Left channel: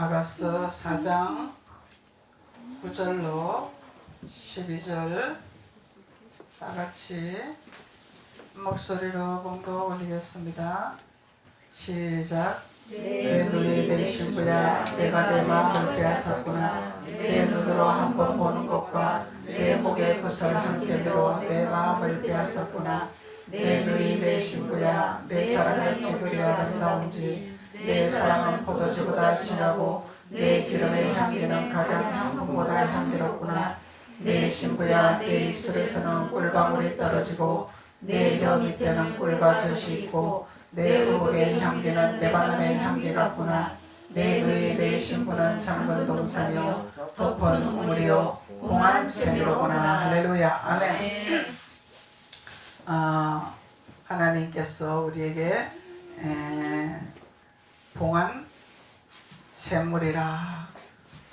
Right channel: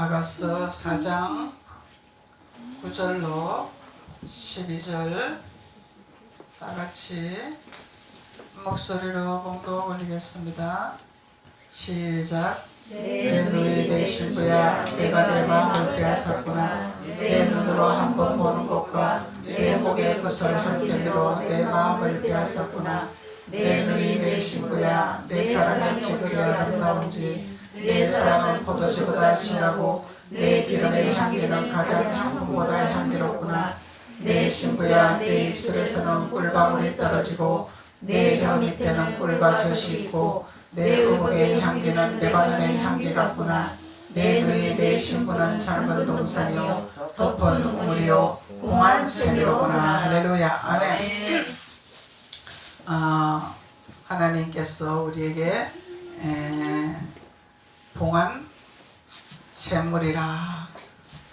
아가서 4장 9절로 12절 다같이 목소리로 봉독 올리겠습니다. 시작. 내 누이 내 신부야, 내가 내 마음을 빼앗았구나. 내 눈으로 한번 보는 것과 내 목의 붓을 함께 밀어 내 마음을 빼앗았구나. 내 누이 내 신부야, 내 사랑은 지그리 아름다운지. 내 사랑은 포도주보다 진하고 내 기름의 향기는 각양 향품보다 향기롭구나. 내 신부야, 내 입술에서는 꿀방울이 떨어지고 내 혀 밑에는 꿀과 젖이 있고 내 의복의 향기는 레바논의 향기 같구나. 내 누이 내 신부는 작은 동산이요 덮은 우물이요 공한 샘이로구나. 할렐루야. 아멘. 하나님께서 우리에게 봉한 샘물이라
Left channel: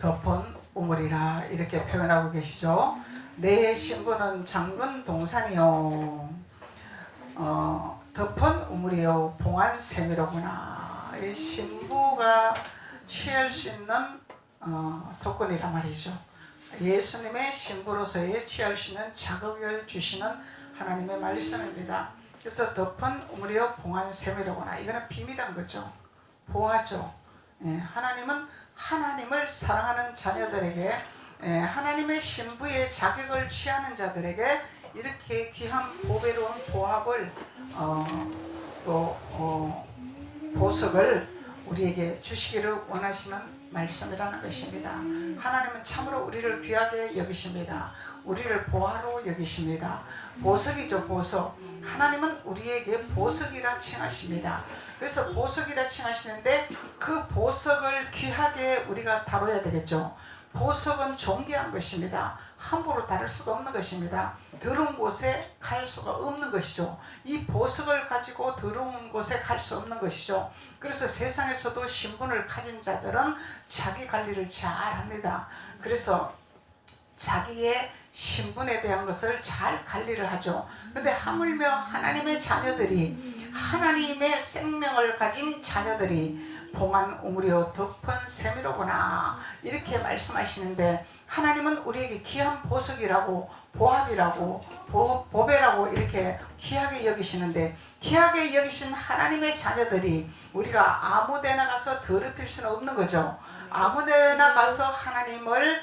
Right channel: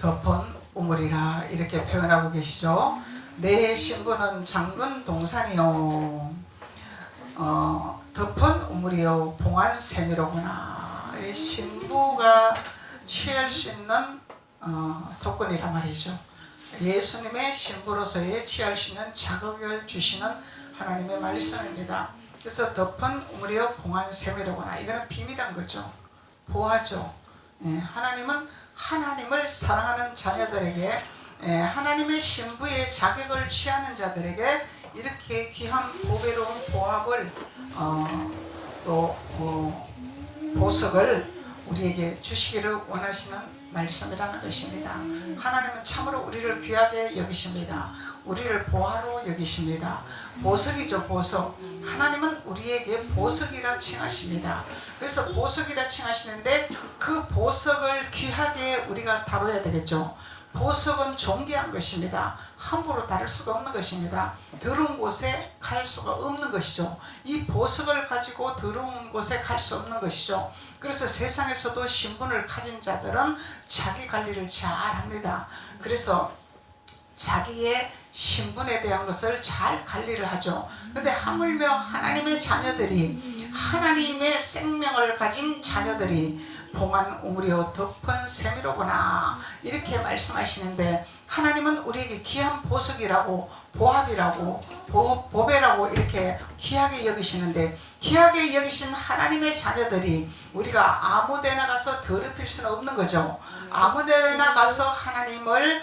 덮은 우물이라 이렇게 표현하고 계시죠. 내 신부는 작은 동산이요 덮은 우물이요 봉한 샘이로구나. 이 신부가 취할 수 있는 조건이란 말이죠. 예수님의 신부로서의 취할 수 있는 자격을 주시는 하나님의 말씀입니다. 그래서 덮은 우물이요 봉한 샘이로구나. 이거는 비밀한 거죠. 보아죠. 하나님은 하나님을 사랑하는 자녀들에게 하나님의 신부의 자격을 취하는 자들에게 이렇게 귀한 보배로운 보합을 또 보석을 우리에게 주시기를 원하시는 말씀이라는 것입니다. 하나님은 참으로 우리를 귀하게 여기십니다. 우리를 보화로 여기십니다. 보석이죠. 보석. 하나님은 우리에게 보석이라 칭하십니다. 그래서 보석이라 칭하시는데 그 보석을 귀하게 우리가 다뤄야 되겠죠. 보석은 존귀한 것입니다. 함부로 다룰 수가 없는 것입니다. 더러운 곳에 갈 수가 없는 것이죠. 이 보석을 가지고 더러운 곳에 갈 수 없는 것이죠. 그래서 세상에서도 신분을 가진 자들은 자기 관리를 잘 합니다. 그래서 자기의 신분에 대한 것을 잘 관리를 하죠. 근데 하물며 하나님의 자녀들이 하나님의 생명을 가진 자녀들이 봉한 우물이요 덮은 샘이로구나 이렇게 말씀하시는데 하나님은 우리에게 귀한 보석이라고 보합이라고 보배라고 이렇게 귀하게 여기시는데 귀하게 여기신 하나님의 자녀들이 우리가 아무데나 가서 더럽힐 수는 없는 거죠. 아무데나 가서 하나님을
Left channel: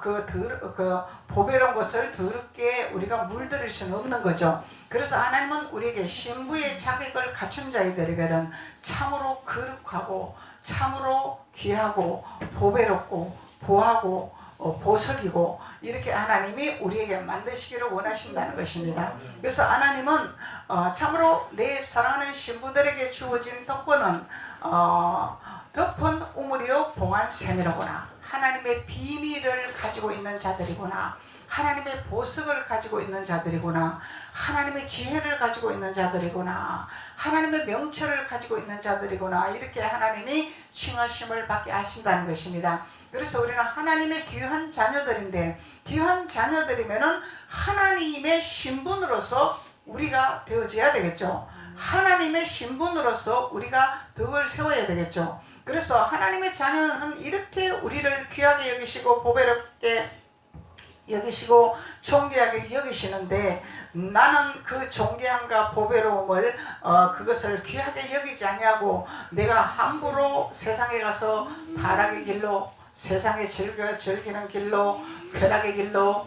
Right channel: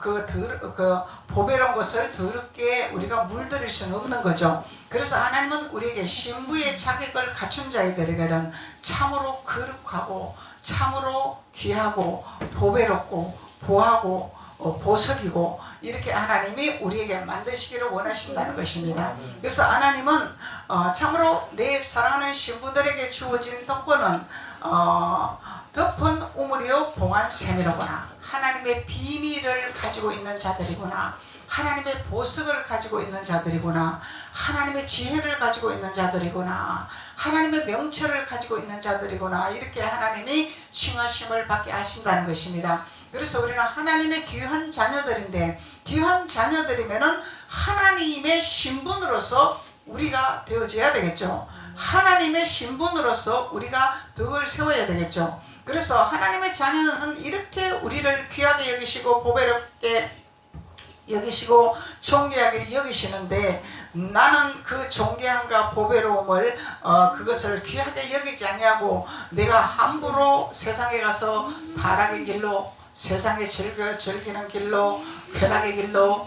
그 보배로운 것을 더럽게 우리가 물들일 수는 없는 거죠. 그래서 하나님은 우리에게 신부의 자격을 갖춘 자들에게는 참으로 거룩하고 참으로 귀하고 보배롭고 보하고 보석이고 이렇게 하나님이 우리에게 만드시기를 원하신다는 것입니다. 그래서 하나님은 참으로 내 사랑하는 신부들에게 주어진 덕권은 덮은 우물이요 봉한 샘이로구나. 하나님의 비밀을 가지고 있는 자들이구나. 하나님의 보석을 가지고 있는 자들이구나. 하나님의 지혜를 가지고 있는 자들이구나. 하나님의 명철을 가지고 있는 자들이구나. 이렇게 하나님이 칭하심을 받게 하신다는 것입니다. 그래서 우리는 하나님의 귀한 자녀들인데 귀한 자녀들이면은 하나님의 신분으로서 우리가 되어져야 되겠죠. 하나님의 신분으로서 우리가 덕을 세워야 되겠죠. 그래서 하나님의 자녀는 이렇게 우리를 귀하게 여기시고 보배롭게 여기시고 존귀하게 여기시는데 나는 그 존귀함과 보배로움을 그것을 귀하게 여기지 아니하고 내가 함부로 세상에 가서 타락의 길로 세상에 즐기는 길로 쾌락의 길로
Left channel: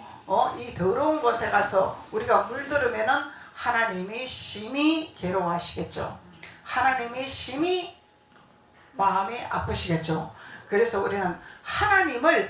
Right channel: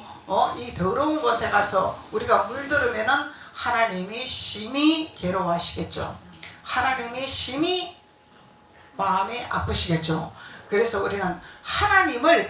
이 더러운 곳에 가서 우리가 물들으면은 하나님이 심히 괴로워하시겠죠. 하나님이 심히 마음이 아프시겠죠. 그래서 우리는 하나님을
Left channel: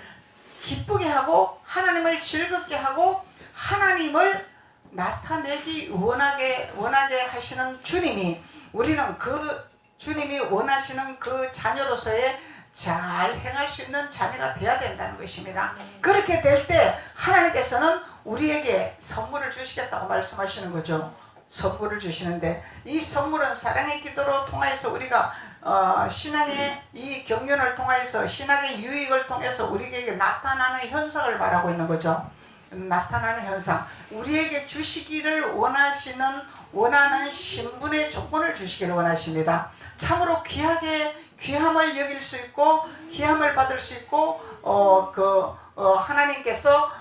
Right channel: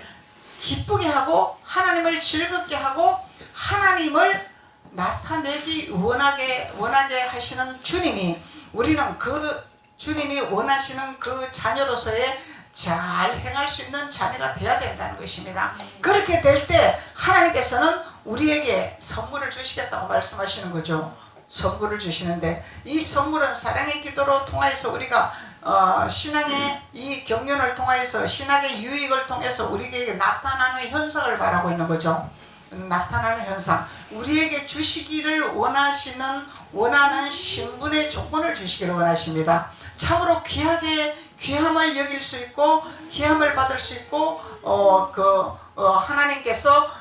기쁘게 하고 하나님을 즐겁게 하고 하나님을 나타내기 원하게 하시는 주님이 우리는 그 주님이 원하시는 그 자녀로서의 잘 행할 수 있는 자녀가 되어야 된다는 것입니다. 그렇게 될 때 하나님께서는 우리에게 선물을 주시겠다고 말씀하시는 거죠. 선물을 주시는데 이 선물은 사랑의 기도로 통하여서 우리가 신앙의 이 경륜을 통해서 신앙의 유익을 통해서 우리에게 나타나는 현상을 말하고 있는 거죠. 나타나는 현상, 우리에게 주시기를 원하는 신분의 조건을 주시기를 원하십니다. 참으로 귀하게 귀함을 여길 수 있고 귀함을 받을 수 있고 하나님께서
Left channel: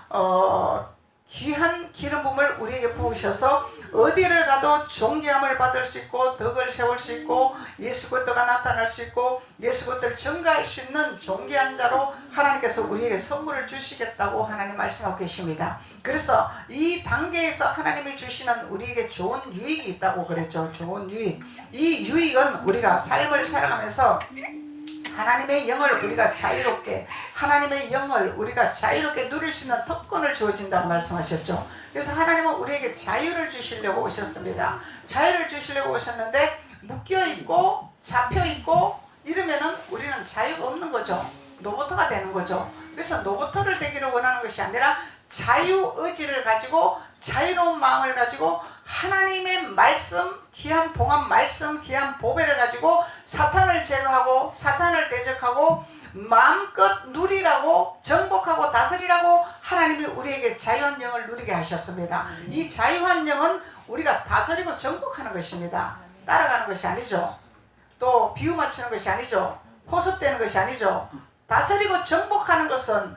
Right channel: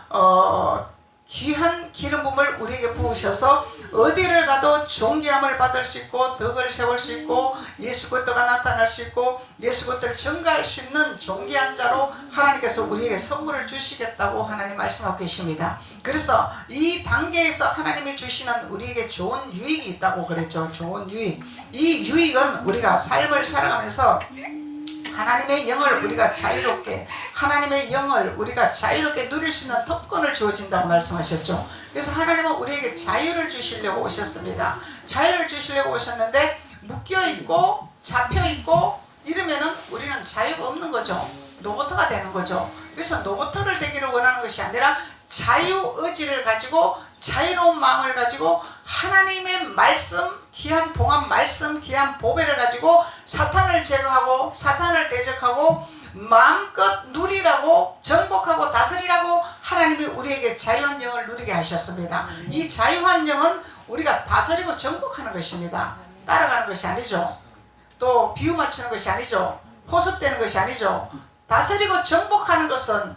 귀한 기름 부음을 우리에게 부으셔서 어디를 가도 존귀함을 받을 수 있고 덕을 세울 수 있고 예수 그리스도가 나타날 수 있고 예수 그리스도를 증거할 수 있는 존귀한 자로 하나님께서 우리에게 선물을 주시겠다고 하나님 말씀하고 계십니다. 그래서 이 단계에서 하나님이 주시는 우리에게 좋은 유익이 있다고 그랬죠. 좋은 유익. 이 유익은 우리가 삶을 살아가면서 하나님의 영을 우리가 자유롭게 하나님의 영을 우리가 자유롭게 누릴 수 있는 특권을 주어진다고 말씀하셨죠. 그래서 하나님은 우리에게 자유를 주시려고 오셨습니다. 자유를 주시려고 오셨는데 묶여있고 잡혀있고 이러면은 우리는 자유가 없는 거죠. 노보터가 되는 거죠. 그래서 노보터를 되기를 원하는 것이 아니라 자유의지를 가지고 자유로운 마음을 가지고 하나님의 말씀, 귀한 봉합 말씀, 귀한 보배를 가지고 사탄을 제거하고 사탄을 대적하고 마음껏 누리라고 정복하고 다스리라고 하나님이 우리에게 자유한 영을 누리게 하셨습니다. 이 자유한 영은 우리가 다스리고 정복하는 것입니다. 따라가는 것이 아니죠. 또 비유 맞추는 것이 아니죠. 포섭되는 것이 아니죠. 다스리고 정복하는 것은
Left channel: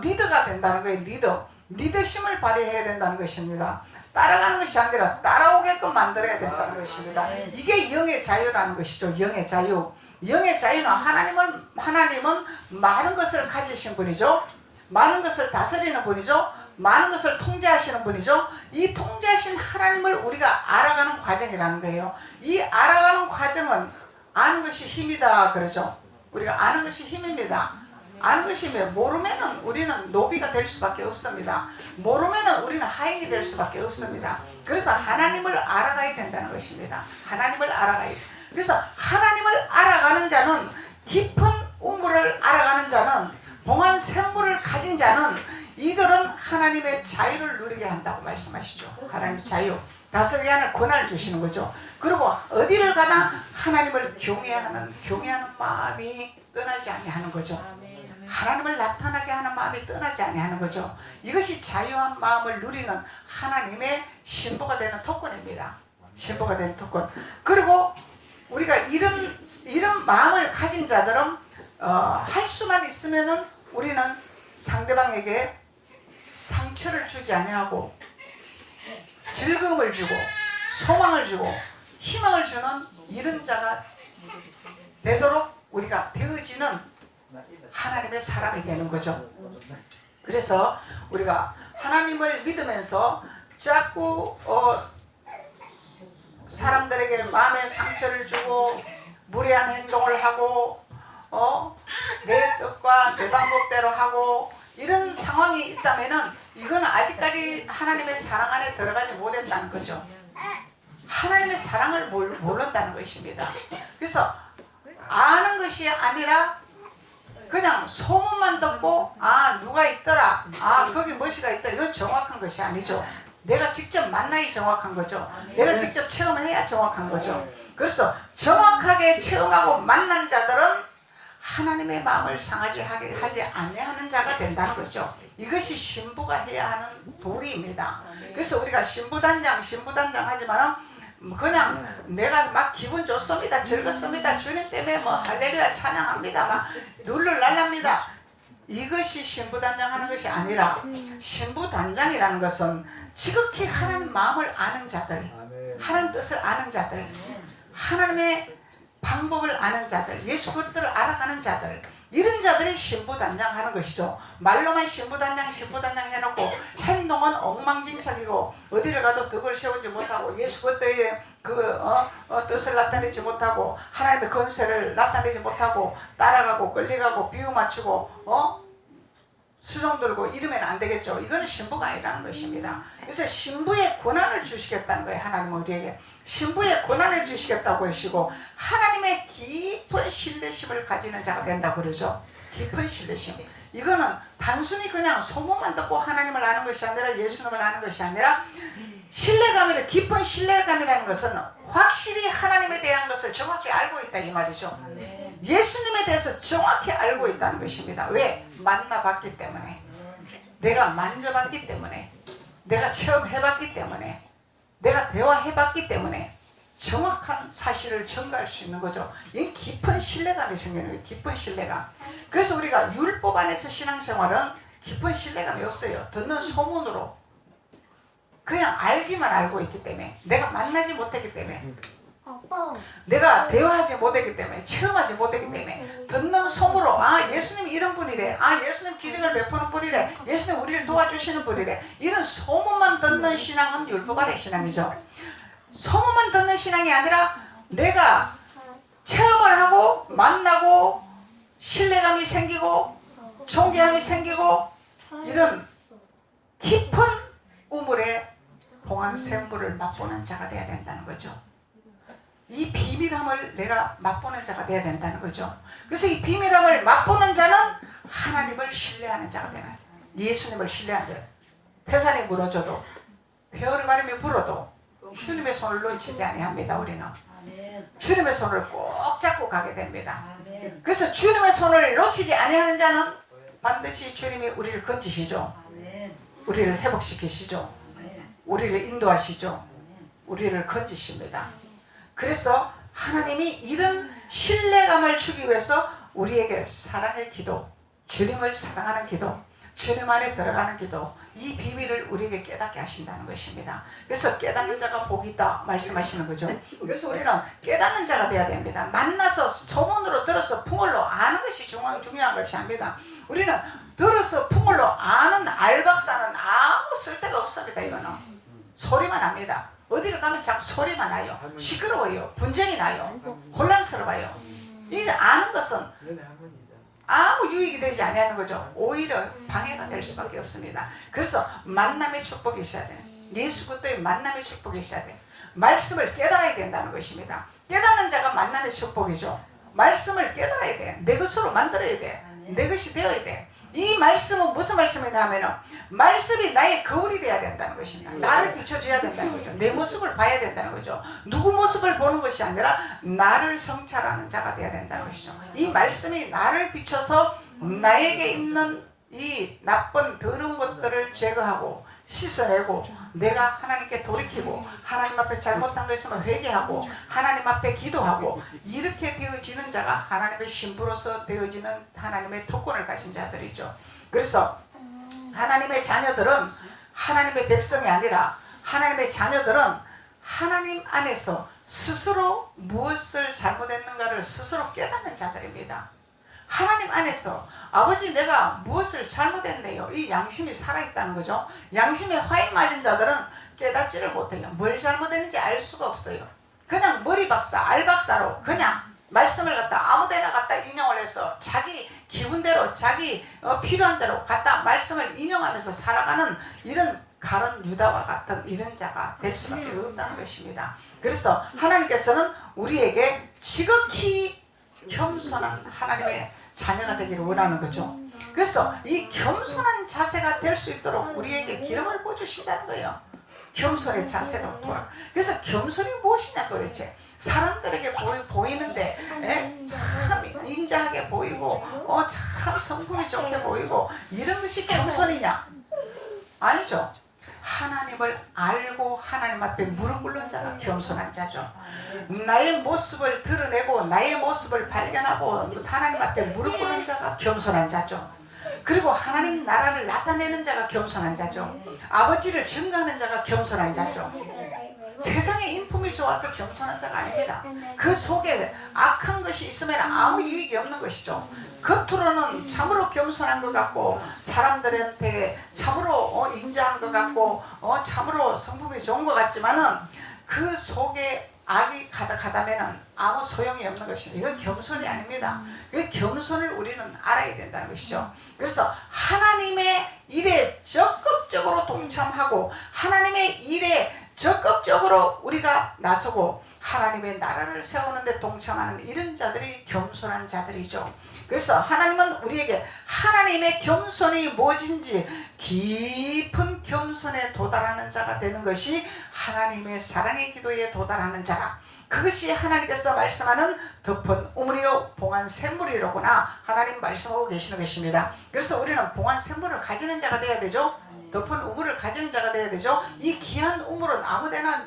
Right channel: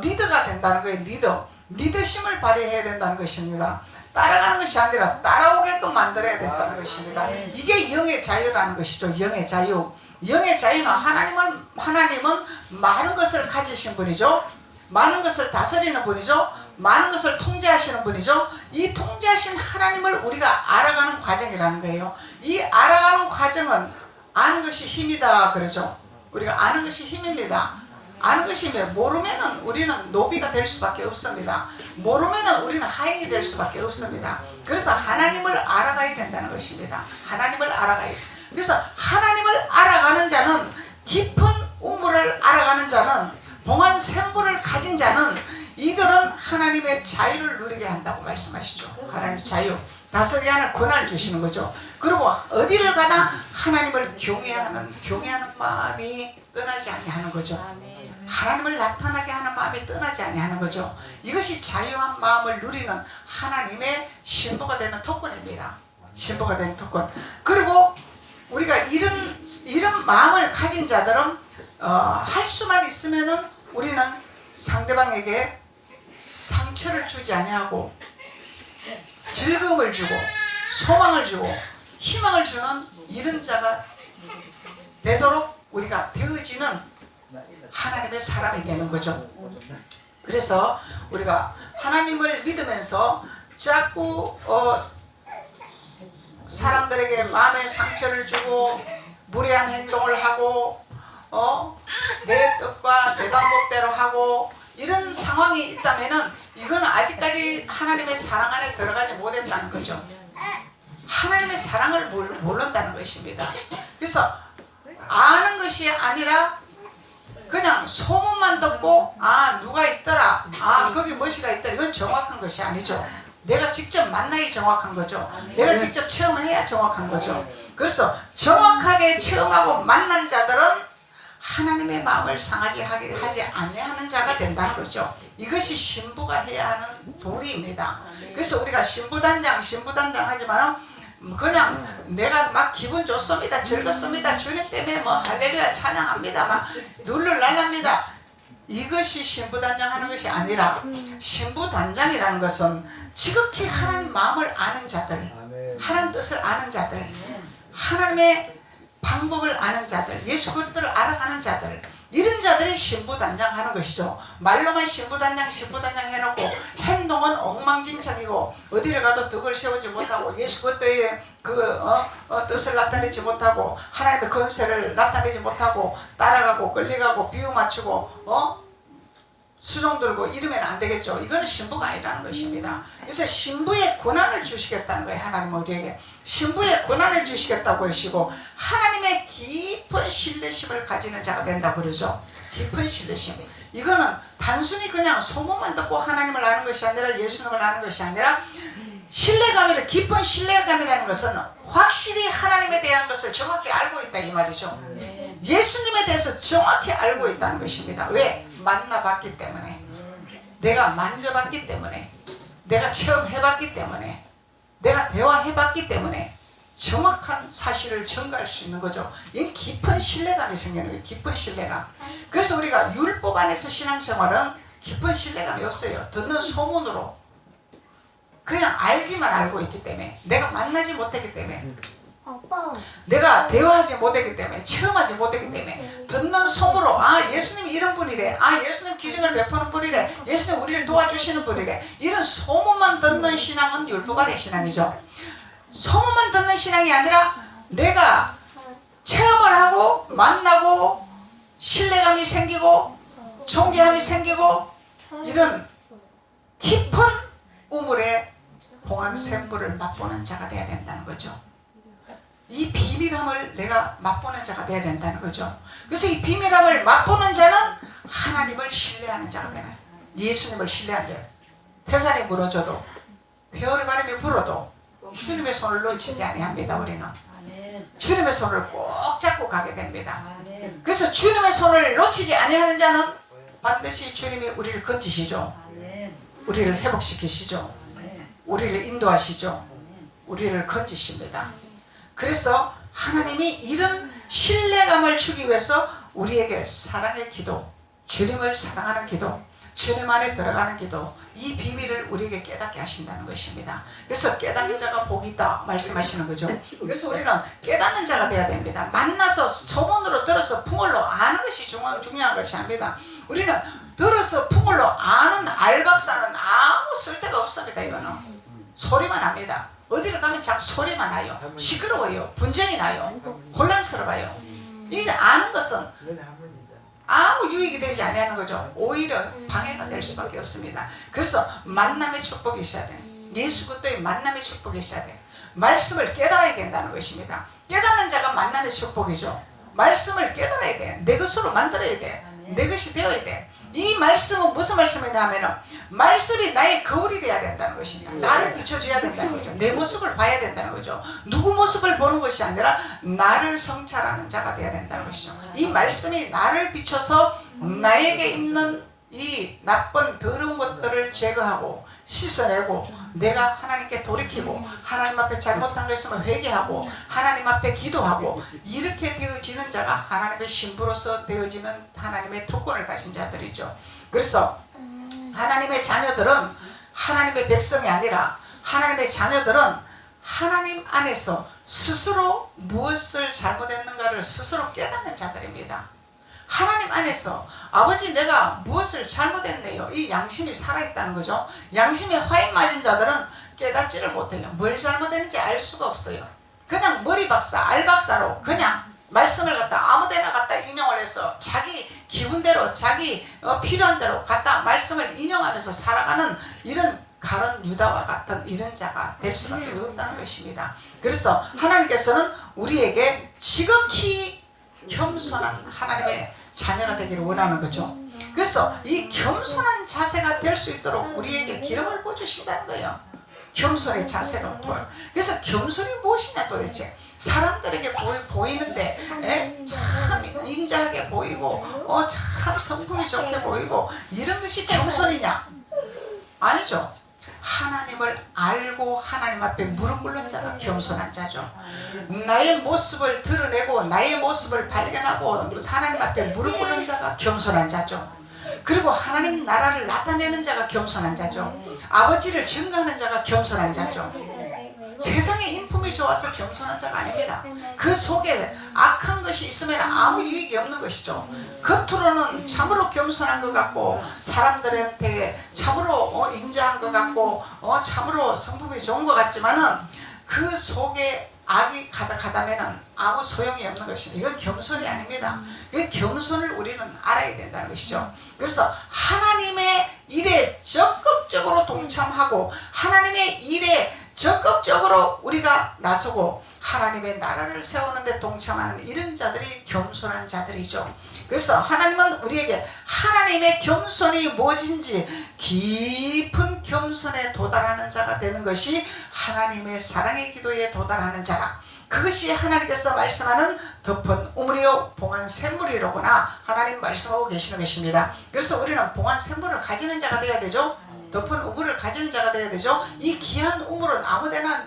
리더가 된다는 거예요. 리더심을 발휘해야 된다는 것입니다. 따라가는 것이 아니라 따라오게끔 만들어야 된다는 것입니다. 이게 영의 자유라는 것이죠. 영의 자유. 영의 자유는 하나님은 많은 것을 가지신 분이죠. 많은 것을 다스리는 분이죠. 많은 것을 통제하시는 분이죠. 이 통제하신 하나님을 우리가 알아가는 과정이라는 거예요. 이 알아가는 과정은 아는 것이 힘이다 그러죠. 우리가 아는 것이 힘입니다. 아는 것이 모르면은 우리는 노비가 될 수밖에 없습니다. 모르면은 우리는 하인이 될 수밖에 없습니다. 그래서 하나님을 알아가야 된다는 것입니다. 하나님을 알아가야 돼. 그래서 하나님을 알아가는 자는 깊은 우물을 알아가는 자는 봉한 샘물을 가진 자는 이들은 하나님의 자유를 누리게 한다고 말씀하시죠. 하나님의 자유. 다스리게 하는 권한을 주시는 거죠. 그리고 어디를 가나 하나님을 경외하는 마음이 떠나지 아니하는 거죠. 하나님을 나타나게 하는 마음이 떠나지 아니하는 거죠. 이것이 자유한 마음을 누리는 하나님의 신부가 되는 특권입니다. 신부가 되는 특권. 그리고 우리가 이런 마음을 가진 자들은 할 수만 있으면은 우리는 상대방에게 상처를 주지 아니하고 즐거움을 주고 소망을 주고 희망을 주는 이런 자가 되도록 우리가 되어지는 하나님의 사람이 되는 거죠. 그래서 우리가 하나님을 믿으면서 자꾸 사람들에게 마음의 상처를 주고 무례한 행동을 하고 내 뜻과 내 방법대로 하고 이런 상황이 있다면은 이건 아직까지 하나님의 사랑 안에 들어가지 못했다는 거죠. 하나님의 사랑을 모른다는 것입니다. 그래서 아는 것이 아니라 그냥 소문만 듣고 누가 있더라, 거기 뭐시가 있더라, 이건 정확한 것이 아니죠. 내가 직접 만나야 정확한 거죠. 내가 직접 체험을 해야 정확한 거죠. 그래서 정확하게 체험하고 만난 자들은 하나님의 마음을 상하지 하지 아니하는 자가 된다는 거죠. 이것이 신부가 해야 하는 도리입니다. 그래서 우리가 신부단장 하지만은 그냥 내가 막 기분 좋습니다, 즐겁습니다, 주님 때문에 뭐 할렐루야 찬양합니다, 막 룰루랄랍니다. 이것이 신부단장 하는 것이 아니라 신부단장이라는 것은 지극히 하나님 마음을 아는 자들, 하나님 뜻을 아는 자들, 하나님의 방법을 아는 자들, 예수 그리스도를 알아가는 자들, 이런 자들이 신부단장 하는 것이죠. 말로만 신부단장 해놓고 행동은 엉망진창이고 어디를 가도 덕을 세우지 못하고 예수 그리스도의 뜻을 나타내지 못하고 하나님의 권세를 나타내지 못하고 따라가고 끌려가고 비유 맞추고 수종 들고 이러면 안 되겠죠. 이건 신부가 아니라는 것입니다. 그래서 신부의 권한을 주시겠다는 거예요. 하나님은 우리에게 신부의 권한을 주시겠다고 하시고 하나님의 깊은 신뢰심을 가지는 자가 된다고 그러죠. 깊은 신뢰심. 이거는 단순히 그냥 소문만 듣고 하나님을 아는 것이 아니라 예수님을 아는 것이 아니라 신뢰감이라, 깊은 신뢰감이라는 것은 확실히 하나님에 대한 것을 정확히 알고 있다 이 말이죠. 예수님에 대해서 정확히 알고 있다는 것입니다. 왜? 만나봤기 때문에, 내가 만져봤기 때문에, 내가 체험해봤기 때문에, 내가 대화해봤기 때문에 정확한 사실을 전가할 수 있는 거죠. 이 깊은 신뢰감이 생기는 거예요. 깊은 신뢰감. 그래서 우리가 율법 안에서 신앙생활은 깊은 신뢰감이 없어요. 듣는 소문으로 그냥 알기만 알고 있기 때문에, 내가 만나지 못했기 때문에, 내가 대화하지 못했기 때문에, 체험하지 못했기 때문에, 듣는 소문으로 아 예수님이 이런 분이래, 아 예수님 기적을 베푸는 분이래, 예수님 우리를 도와주시는 분이래, 이런 소문만 듣는 신앙은 율법 아래 신앙이죠. 소문만 듣는 신앙이 아니라 내가 체험을 하고 만나고 신뢰감이 생기고 존경함이 생기고 이런 깊은 우물에 봉한 샘물을 맛보는 자가 되어야 된다는 거죠. 이 비밀함을 내가 맛보는 자가 되어야 된다는 거죠. 그래서 이 비밀함을 맛보는 자는 하나님을 신뢰하는 자가 되나요? 예수님을 신뢰하는 자. 태산이 무너져도 회오리 바람이 불어도 주님의 손을 놓치지 아니합니다. 우리는 주님의 손을 꼭 잡고 가게 됩니다. 그래서 주님의 손을 놓치지 아니하는 자는 반드시 주님이 우리를 건지시죠. 우리를 회복시키시죠. 우리를 인도하시죠. 우리를 건지십니다. 그래서 하나님이 이런 신뢰감을 주기 위해서 우리에게 사랑의 기도, 주님을 사랑하는 기도, 주님 안에 들어가는 기도, 이 비밀을 우리에게 깨닫게 하신다는 것입니다. 그래서 깨닫는 자가 복이 있다 말씀하시는 거죠. 그래서 우리는 깨닫는 자가 돼야 됩니다. 만나서 소문으로 들어서 풍월로 아는 것이 중요한 것이 아닙니다. 우리는 들어서 풍월로 아는 알박사는 아무 쓸데가 없습니다. 이거는 소리만 합니다. 어디를 가면 자꾸 소리만 나요. 시끄러워요. 분쟁이 나요. 혼란스러워요. 이제 아는 것은 아무 유익이 되지 않는 거죠. 오히려 방해가 될 수밖에 없습니다. 그래서 만남의 축복이 있어야 돼요. 예수 그리스도의 만남의 축복이 있어야 돼요. 말씀을 깨달아야 된다는 것입니다. 깨닫는 자가 만남의 축복이죠. 말씀을 깨달아야 돼. 내 것으로 만들어야 돼. 내 것이 되어야 돼. 이 말씀은 무슨 말씀이냐면은 말씀이 나의 거울이 돼야 된다는 것입니다. 나를 비춰줘야 된다는 거죠. 내 모습을 봐야 된다는 거죠. 누구 모습을 보는 것이 아니라 나를 성찰하는 자가 돼야 된다는 것이죠. 이 말씀이 나를 비춰서 나에게 있는 이 나쁜 더러운 것들을 제거하고 씻어내고 내가 하나님께 돌이키고 하나님 앞에 잘못한 거 있으면 회개하고 하나님 앞에 기도하고 이렇게 되어지는 자가 하나님의 신부로서 되어지는 하나님의 특권을 가진 자들이죠. 그래서 하나님의 자녀들은 하나님의 백성이 아니라 하나님의 자녀들은 하나님 안에서 스스로 무엇을 잘못했는가를 스스로 깨닫는 자들입니다. 하나님 안에서 아버지 내가 무엇을 잘못했네요. 이 양심이 살아있다는 거죠. 양심에 화인 맞은 자들은 깨닫지를 못해요. 뭘 잘못했는지 알 수가 없어요. 그냥 머리박사 알박사로 그냥 말씀을 갖다 아무데나 갖다 인용을 해서 자기 기분대로 자기 필요한 대로 갖다 말씀을 인용하면서 살아가는 이런 가론 유다와 같은 이런 자가 될 수밖에 없다는 것입니다. 그래서 하나님께서는 우리에게 지극히 겸손한 하나님의 자녀가 되기를 원하는 거죠. 그래서 이 겸손한 자세가 될 수 있도록 우리에게 기름을 부어주신다는 거예요. 겸손의 자세로 돌아. 그래서 겸손이 무엇이냐 도대체. 사람들에게 보이는데 참 인자하게 보이고 참 성품이 좋게 보이고 이런 것이 겸손이냐? 아니죠. 하나님을 알고 하나님 앞에 무릎 꿇는 자가 겸손한 자죠. 나의 모습을 드러내고 나의 모습을 발견하고 하나님 앞에 무릎 꿇는 자가 겸손한 자죠. 그리고 하나님 나라를 나타내는 자가 겸손한 자죠. 아버지를 증거하는 자가 겸손한 자죠. 세상에 인품이 좋아서 겸손한 자가 아닙니다. 그 속에 악한 것이 있으면 아무 유익이 없는 것이죠. 겉으로는 참으로 겸손한 것 같고 사람들한테 참으로 인자한 것 같고 참으로 성품이 좋은 것 같지만은 그 속에 악이 가득하다면 아무 소용이 없는 것입니다. 이건 겸손이 아닙니다. 이 겸손을 우리는 알아야 된다는 것이죠. 그래서 하나님의 일에 적극적으로 동참하고 하나님의 일에 적극적으로 우리가 나서고 하나님의 나라를 세우는 데 동참하는 이런 자들이 겸손한 자들이죠. 그래서 하나님은 우리에게 하나님의 겸손이 무엇인지 깊은 겸손에 도달하는 자가 되는 것이 하나님의 사랑의 기도에 도달하는 자라. 그것이 하나님께서 말씀하는 덮은 우물이요 봉한 샘물이로구나 하나님 말씀하고 계시는 것입니다. 그래서 우리는 봉한 샘물을 가지는 자가 되어야 되죠. 덮은 우물을 가지는 자가 되어야 되죠. 이 귀한 우물은 아무데나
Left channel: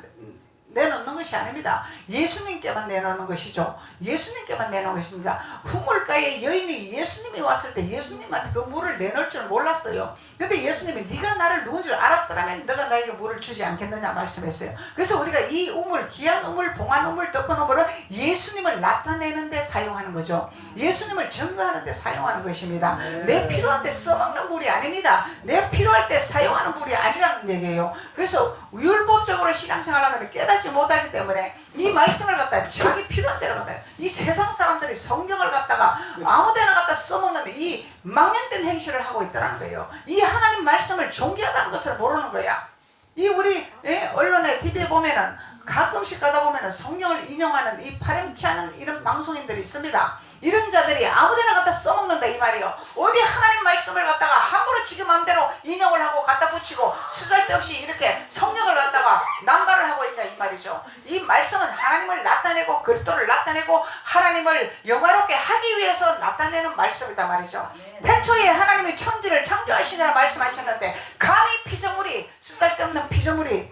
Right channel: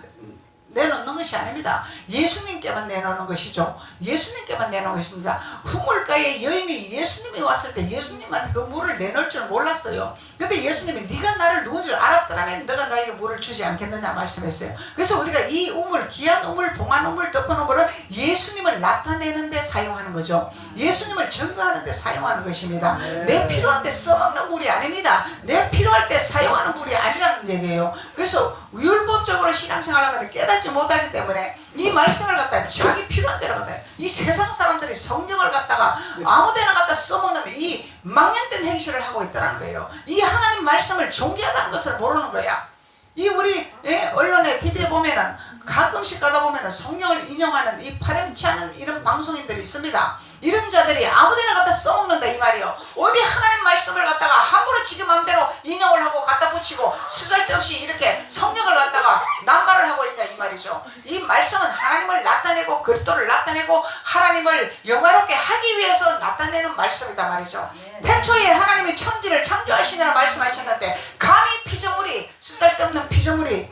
내놓는 것이 아닙니다. 예수님께만 내놓는 것이죠. 예수님께만 내놓는 것입니다. 후물가의 여인이 예수님이 왔을 때 예수님한테 그 물을 내놓을 줄 몰랐어요. 근데 예수님이 네가 나를 누군 줄 알았더라면 너가 나에게 물을 주지 않겠느냐 말씀했어요. 그래서 우리가 이 우물, 귀한 우물, 봉한 우물, 덮은 우물은 예수님을 나타내는 데 사용하는 거죠. 예수님을 증거하는 데 사용하는 것입니다. 내 필요할 때 써먹는 물이 아닙니다. 내 필요할 때 사용하는 물이 아니라는 얘기예요. 그래서 율법적으로 신앙생활을 깨닫지 못하기 때문에 이 말씀을 갖다 자기 필요한 대로 갖다, 이 세상 사람들이 성경을 갖다가 아무데나 갖다 써먹는 이 망령된 행실을 하고 있더라는 거예요. 이 하나님 말씀을 존귀하다는 것을 모르는 거야. 이 우리 언론에 TV에 보면은 가끔씩 가다 보면은 성경을 인용하는 이 파렴치 않은 이런 방송인들이 있습니다. 이런 자들이 아무데나 갖다 써먹는다 이 말이요. 어디 하나님 말씀을 갖다가 함부로 지금 마음대로 인용을 하고 갖다 붙이고 쓰잘데없이 이렇게 성경을 갖다가 남발을 하고 있다 이 말이죠. 이 말씀은 하나님을 나타내고 그리스도를 나타내고 하나님을 영화롭게 하기 위해서 나타내는 말씀이다 말이죠. 태초에 하나님이 천지를 창조하시냐고 말씀하셨는데 감히 피조물이 쓰잘데없는 피조물이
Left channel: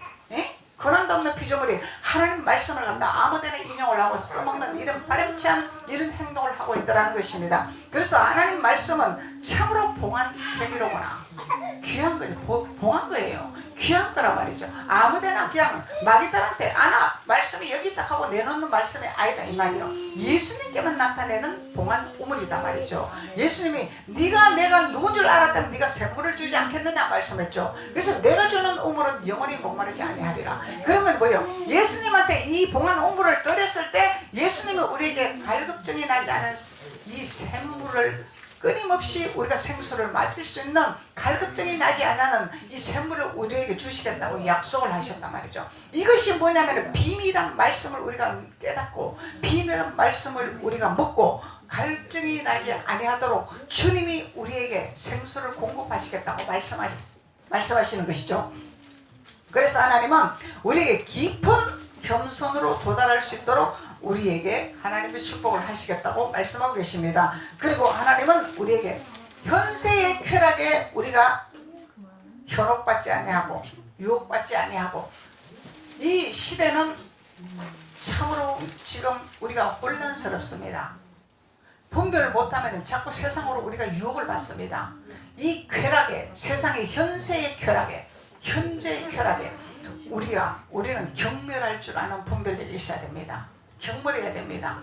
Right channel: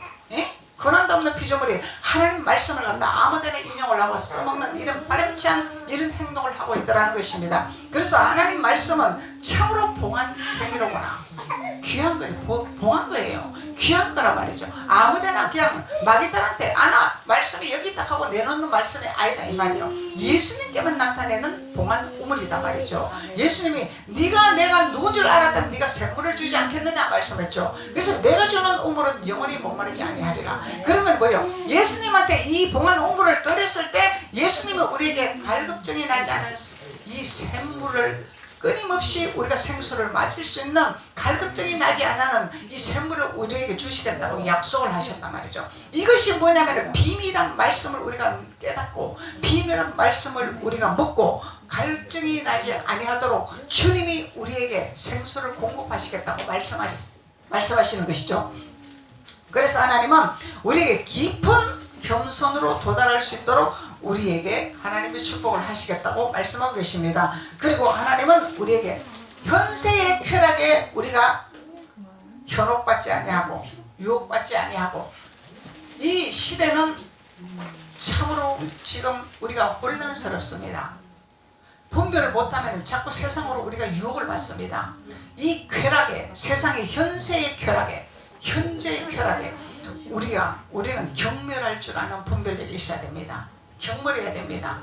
권한도 없는 피조물이 하나님 말씀을 갖다 아무데나 인용을 하고 써먹는 이런 파렴치 않은 이런 행동을 하고 있더라는 것입니다. 그래서 하나님 말씀은 참으로 봉한 생이로구나. 귀한 거예요. 봉한 거예요. 귀한 거란 말이죠. 아무데나 그냥 마귀들한테 말씀이 여기 있다 하고 내놓는 말씀이 아니다 이 말이에요. 예수님께만 나타내는 봉한 우물이다 말이죠. 예수님이 네가 내가 누군 줄 알았다면 네가 생물을 주지 않겠느냐 말씀했죠. 그래서 내가 주는 우물은 영원히 목마르지 아니하리라. 그러면 뭐요? 예수님한테 이 봉한 우물을 끓였을 때 예수님이 우리에게 갈급증이 나지 않은 이 샘물을 끊임없이 우리가 생수를 마실 수 있는 갈급증이 나지 않는 이 샘물을 우리에게 주시겠다고 약속을 하셨단 말이죠. 이것이 뭐냐면 비밀한 말씀을 우리가 깨닫고 비밀한 말씀을 우리가 먹고 갈증이 나지 아니하도록 주님이 우리에게 생수를 공급하시겠다고 말씀하시는 것이죠. 그래서 하나님은 우리에게 깊은 겸손으로 도달할 수 있도록 우리에게 하나님의 축복을 하시겠다고 말씀하고 계십니다. 그리고 하나님은 우리에게 현세의 쾌락에 우리가 현혹받지 아니하고 유혹받지 아니하고 이 시대는 참으로 지금 우리가 혼란스럽습니다. 분별을 못하면 자꾸 세상으로 우리가 유혹을 받습니다. 이 쾌락에 세상의 현세의 쾌락에 현재의 쾌락에 우리는 경멸할 줄 아는 분별력이 있어야 됩니다. 경멸해야 됩니다.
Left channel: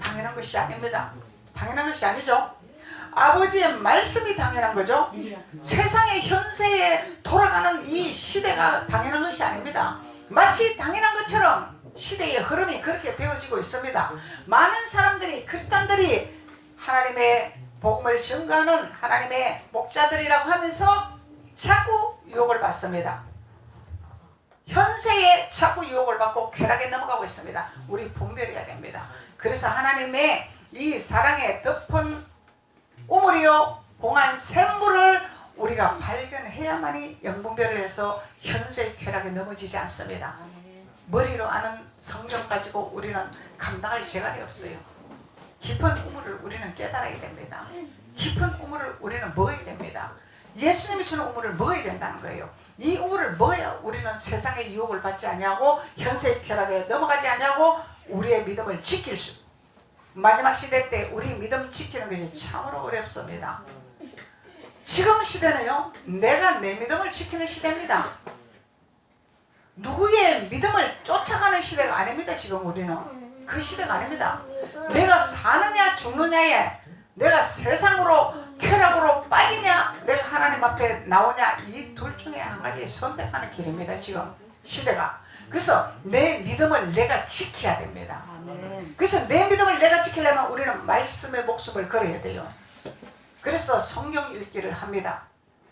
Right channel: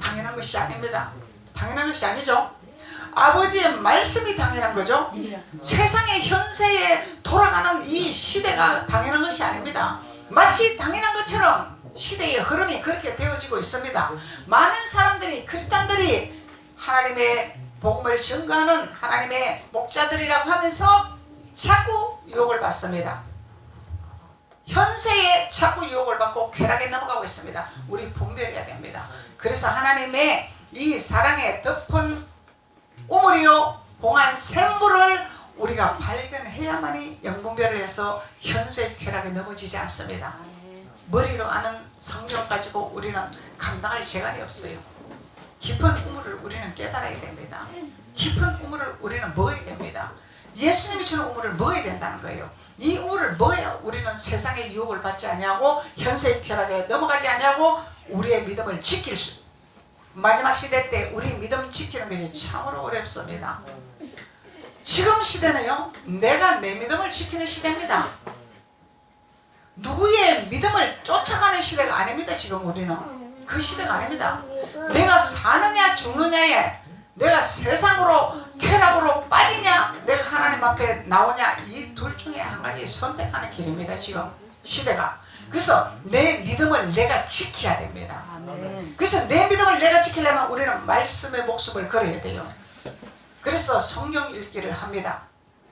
당연한 것이 아닙니다. 당연한 것이 아니죠. 아버지의 말씀이 당연한 거죠. 세상의 현세에 돌아가는 이 시대가 당연한 것이 아닙니다. 마치 당연한 것처럼 시대의 흐름이 그렇게 되어지고 있습니다. 많은 사람들이 크리스찬들이 하나님의 복음을 증거하는 하나님의 목자들이라고 하면서 자꾸 유혹을 받습니다. 현세에 자꾸 유혹을 받고 쾌락에 넘어가고 있습니다. 우리 분별해야 됩니다. 그래서 하나님의 이 사랑의 덮은 우물이요 봉한 샘물을 우리가 발견해야만이 영분별을 해서 현세의 쾌락에 넘어지지 않습니다. 머리로 아는 성경 가지고 우리는 감당할 재간이 없어요. 깊은 우물을 우리는 깨달아야 됩니다. 깊은 우물을 우리는 먹어야 됩니다. 예수님이 주는 우물을 먹어야 된다는 거예요. 이 우물을 먹어야 우리는 세상의 유혹을 받지 아니하고 현세의 쾌락에 넘어가지 아니하고 우리의 믿음을 지킬 수, 마지막 시대 때 우리 믿음 지키는 것이 참으로 어렵습니다. 지금 시대는요 내가 내 믿음을 지키는 시대입니다. 누구의 믿음을 쫓아가는 시대가 아닙니다. 지금 우리는 그 시대가 아닙니다. 내가 사느냐 죽느냐에 내가 세상으로 쾌락으로 빠지냐 내가 하나님 앞에 나오냐 이 둘 중에 한 가지 선택하는 길입니다. 지금 시대가. 그래서 내 믿음을 내가 지켜야 됩니다. 그래서 내 믿음을 내가 지키려면 우리는 말씀의 목숨을 걸어야 돼요. 그래서 성경 읽기를 합니다.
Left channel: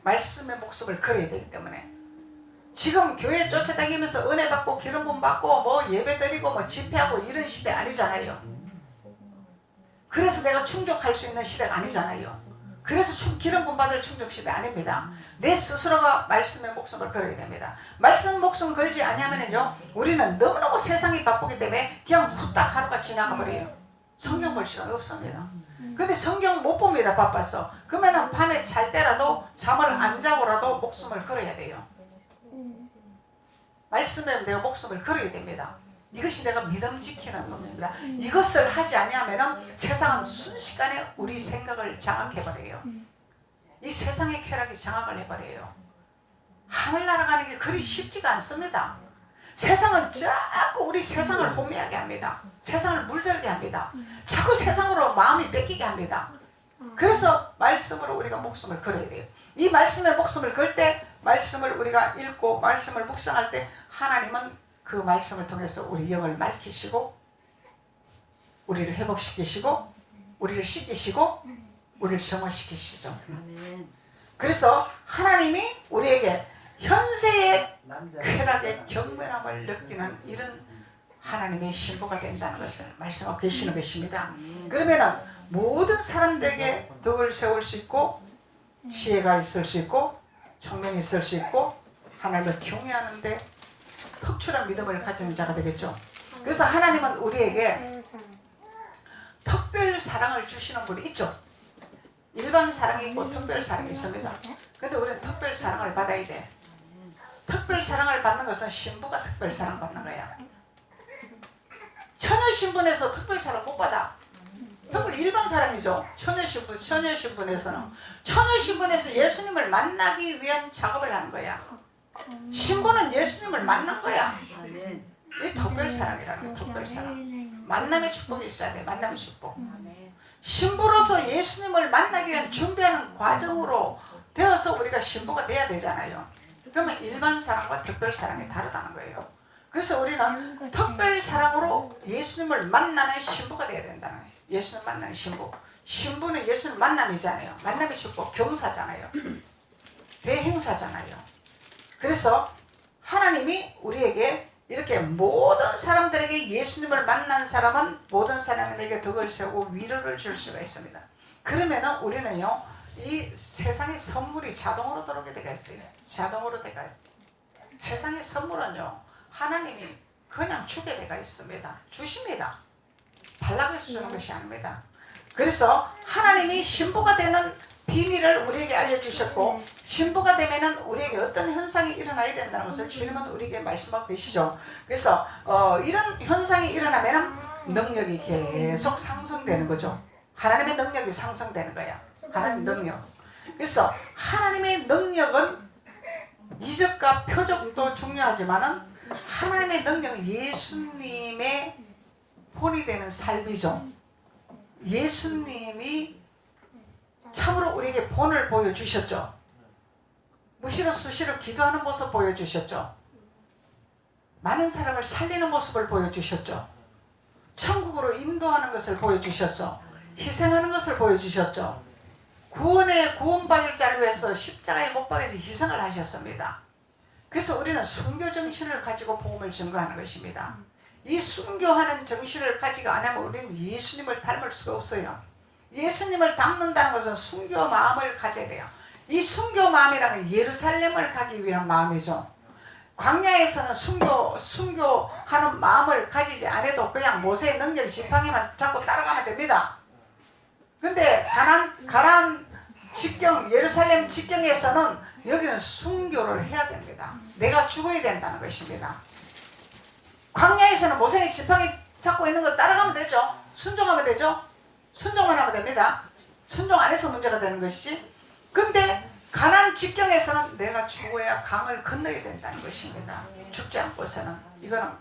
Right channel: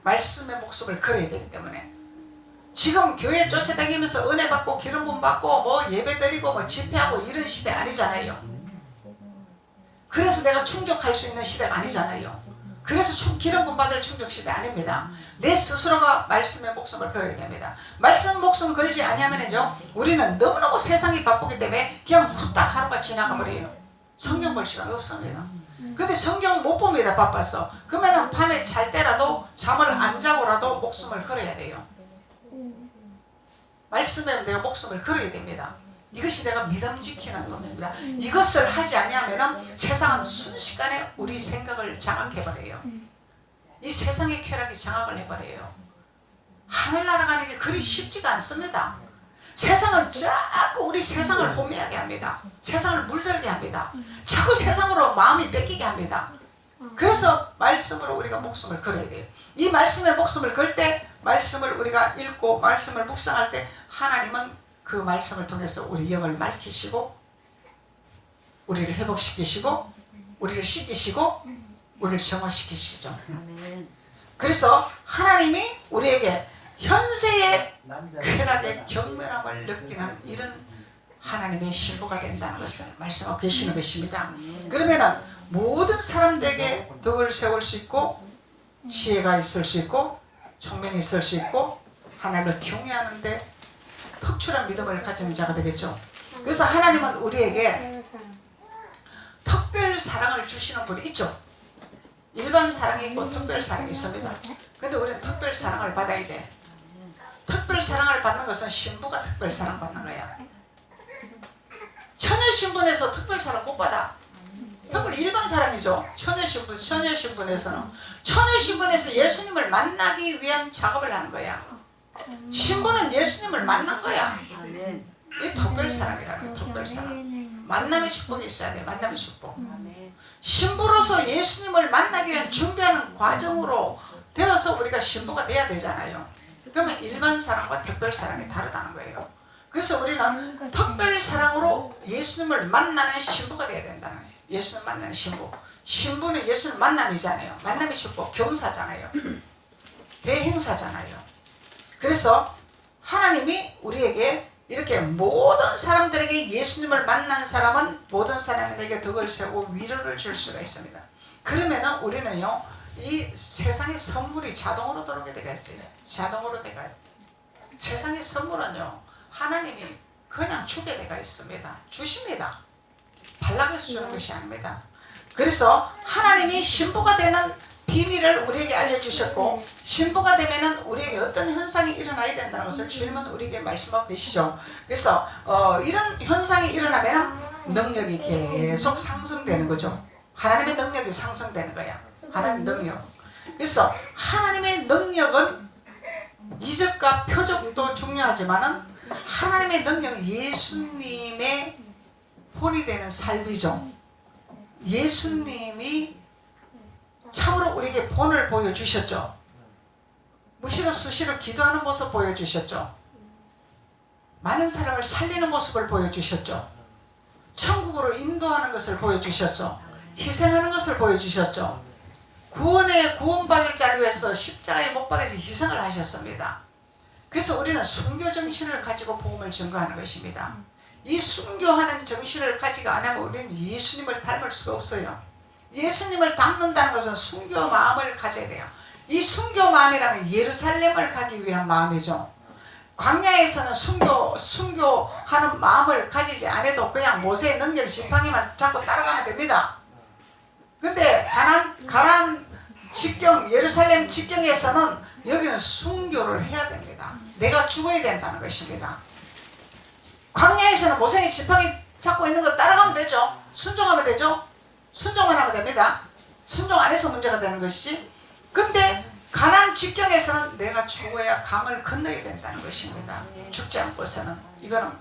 말씀의 목숨을 걸어야 되기 때문에 지금 교회 쫓아다니면서 은혜 받고 기름 부음 받고 뭐 예배 드리고 뭐 집회하고 이런 시대 아니잖아요. 그래서 내가 충족할 수 있는 시대가 아니잖아요. 그래서 기름 부음 받을 충족 시대 아닙니다. 내 스스로가 말씀의 목숨을 걸어야 됩니다. 말씀 목숨 걸지 아니하면요 우리는 너무너무 세상이 바쁘기 때문에 그냥 후딱 하루가 지나가 버려요. 성경 볼 시간 없습니다. 근데 성경 못 봅니다. 바빠서. 그러면 밤에 잘 때라도 잠을 안 자고라도 목숨을 걸어야 돼요. 말씀에 내가 목숨을 걸어야 됩니다. 이것이 내가 믿음 지키는 겁니다. 이것을 하지 아니하면 세상은 순식간에 우리 생각을 장악해버려요. 이 세상의 쾌락이 장악을 해버려요. 하늘나라 가는 게 그리 쉽지가 않습니다. 세상은 자꾸 우리 세상을 혼미하게 합니다. 세상을 물들게 합니다. 자꾸 세상으로 마음이 뺏기게 합니다. 그래서 말씀으로 우리가 목숨을 걸어야 돼요. 이 말씀에 목숨을 걸 때, 말씀을 우리가 읽고 말씀을 묵상할 때 하나님은 그 말씀을 통해서 우리 영을 맑히시고 우리를 회복시키시고 우리를 씻기시고 우리를 정화시키시죠. 그래서 하나님이 우리에게 현세의 쾌락의 경멸함을 느끼는 이런 하나님의 신부가 된다는 것을 말씀하고 계시는 것입니다. 그러면은 모든 사람들에게 덕을 세울 수 있고 지혜가 있을 수 있고 총명이 있을 수 있고 하나님을 경외하는데 특출한 믿음을 가지는 자가 되겠죠. 그래서 하나님은 우리에게 특별 사랑을 주시는 분이 있죠. 일반 사랑이 있고 특별 사랑이 있습니다. 근데 우리는 특별 사랑을 받아야 돼. 특별 사랑을 받는 것은 신부가 특별 사랑 받는 거야. 처녀 신분에서 특별 사랑 못 받아. 특별 일반 사랑이죠. 처녀 신분에서는 처녀 신분에서 예수님을 만나기 위한 작업을 한 거야. 신부는 예수님을 만난 거야. 이 특별 사랑이라는 거야. 특별 사랑. 만남의 축복이 있어야 돼. 만남의 축복. 신부로서 예수님을 만나기 위한 준비하는 과정으로 되어서 우리가 신부가 돼야 되잖아요. 그러면 일반 사랑과 특별 사랑이 다르다는 거예요. 그래서 우리는 특별 사랑으로 예수님을 만나는 신부가 돼야 된다는 거예요. 예수님 만나는 신부. 신부는 예수님 만남이잖아요. 만남의 축복, 경사잖아요. 대행사잖아요. 그래서 하나님이 우리에게 이렇게 모든 사람들에게 예수님을 만난 사람은 모든 사람에게 덕을 세우고 위로를 줄 수가 있습니다. 그러면은 우리는요, 이 세상의 선물이 자동으로 들어오게 되어 있어요. 자동으로 되어요. 세상의 선물은요, 하나님이 그냥 주게 되어 있습니다. 주십니다. 달라고 해서 주는 것이 아닙니다. 그래서 하나님이 신부가 되는 비밀을 우리에게 알려주셨고, 신부가 되면은 우리에게 어떤 현상이 일어나야 된다는 것을 주님은 우리에게 말씀하고 계시죠. 그래서 이런 현상이 일어나면 능력이 계속 상승되는 거죠. 하나님의 능력이 상승되는 거야. 하나님의 능력. 그래서 하나님의 능력은 이적과 표적도 중요하지만은 하나님의 능력은 예수님의 본이 되는 삶이죠. 예수님이 참으로 우리에게 본을 보여주셨죠. 무시로 수시로 기도하는 모습 보여주셨죠. 많은 사람을 살리는 모습을 보여주셨죠. 천국으로 인도하는 것을 보여주셨죠. 희생하는 것을 보여주셨죠. 구원받을 자를 위해서 십자가에 못 박아서 희생을 하셨습니다. 그래서 우리는 순교 정신을 가지고 복음을 증거하는 것입니다. 이 순교하는 정신을 가지고 안 하면 우리는 예수님을 닮을 수가 없어요. 예수님을 닮는다는 것은 순교 마음을 가져야 돼요. 이 순교 마음이라는 예루살렘을 가기 위한 마음이죠. 광야에서는 순교하는 마음을 가지지 않아도 그냥 모세의 능력 지팡이만 잡고 따라가면 됩니다. 근데 가나안 직경, 예루살렘 직경에서는 여기는 순교를 해야 됩니다. 내가 죽어야 된다는 것입니다. 광야에서는 모세의 지팡이 잡고 있는 거 따라가면 되죠. 순종하면 되죠. 순종만 하면 됩니다. 순종 안 해서 문제가 되는 것이지. 근데 가나안 직경에서는 내가 죽어야 강을 건너야 된다는 것입니다. 죽지 않고서는 이거는